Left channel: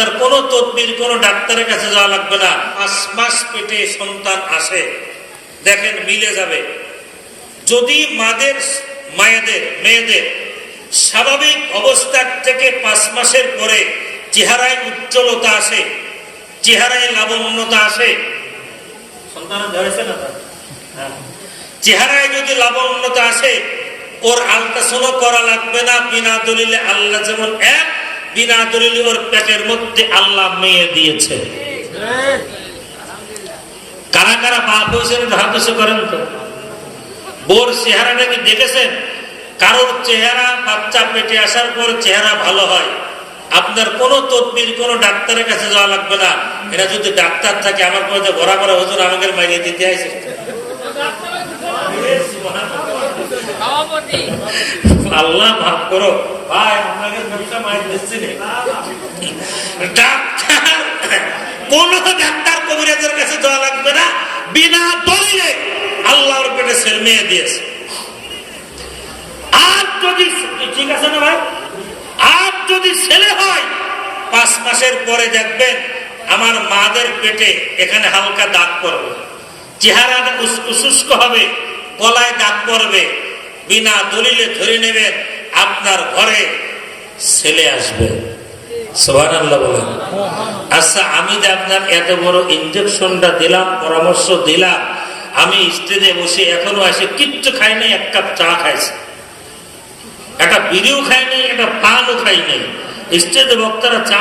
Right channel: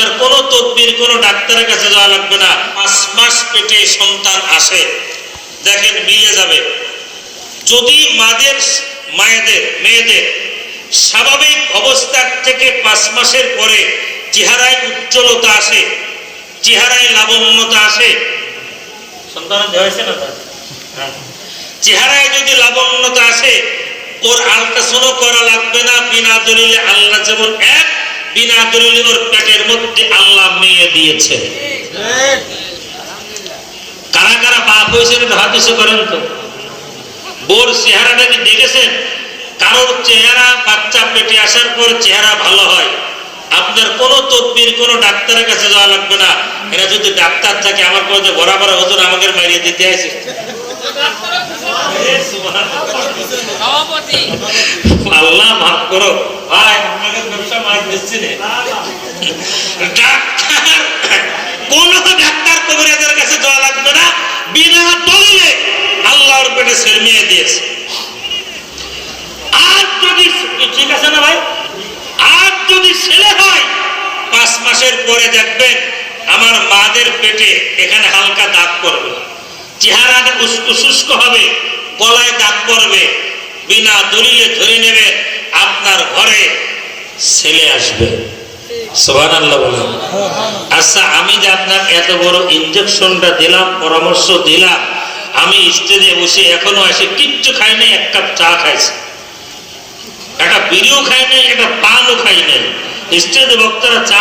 আপনার কোনো তদবির কোনো ডাক্তারের কাছে যাওয়া লাগবে না। পাঁচ মাস পেটে সন্তান আসে, দেখেন মিলে যাবে। যদি মাদের, মায়েদের, মেয়েদের স্বাভাবিক অবস্থার থেকে পাঁচ মাসের পরে চেহারায় উজ্জ্বলতা আসে, চেহারায় লাবণ্যতা আসে সন্তান হয়েছে না তার? হ্যাঁ। চেহারায় যদি লাবণ্যতা আসে, ওর আলট্রাসাউন্ড করা লাগবে না, বিনা দলিলে আল্লাহ যেমন এক বিনা দলিলে ওর পেটের মধ্যে আল্লাহ মেয়ে দিয়েছে। কারা কারা বাপ হয়েছে একটু হাত উঁচু করেন তো। বোর চেহারাটা কি দেখেছেন? কারোর চেহারা বাচ্চা পেটে আসার পর চেহারা ভালো হয়। আপনার কোনো তদবির কোনো ডাক্তারের কাছে যাওয়া লাগবে না। এরা যদি ডাক্তার থাকে আমার কথা ঘোরা ঘোরা হজুর আমাদের মাইরিয়ে দিতে আছে আল্লাহ মাফ করো। ভাই আপনাদের ব্যবসা মাইর দিচ্ছে রে। ডাক্তার কোন ডাক্তার কবিরাজের কাছে যাওয়া লাগবে না বিনা দলিলে আল্লাহর পেটে ছেলে মেয়ে দিয়েছে। আর যদি ঠিক আছে না ভাই? আর যদি ছেলে হয় পাঁচ মাসের পরে দেখবেন আমার মাদের পেটে এখানে হালকা দাগ পড়বে। শুষ্ক হবে গলায় দাগ পড়বে। বিনা দলিলে ধরে নেবেন আপনার ঘরে ছেলে আসবে। আচ্ছা আমি যে আপনার এত বড় ইঞ্জেকশনটা দিলাম, পরামর্শ দিলাম, আমি স্টেজে বসে এখনও আসে কিচ্ছু খাই নাই, এক কাপ চা খাইছি। একটা বিড়িও খাই নাই, একটা পানও খাই নাই। স্টেজে বক্তারা চা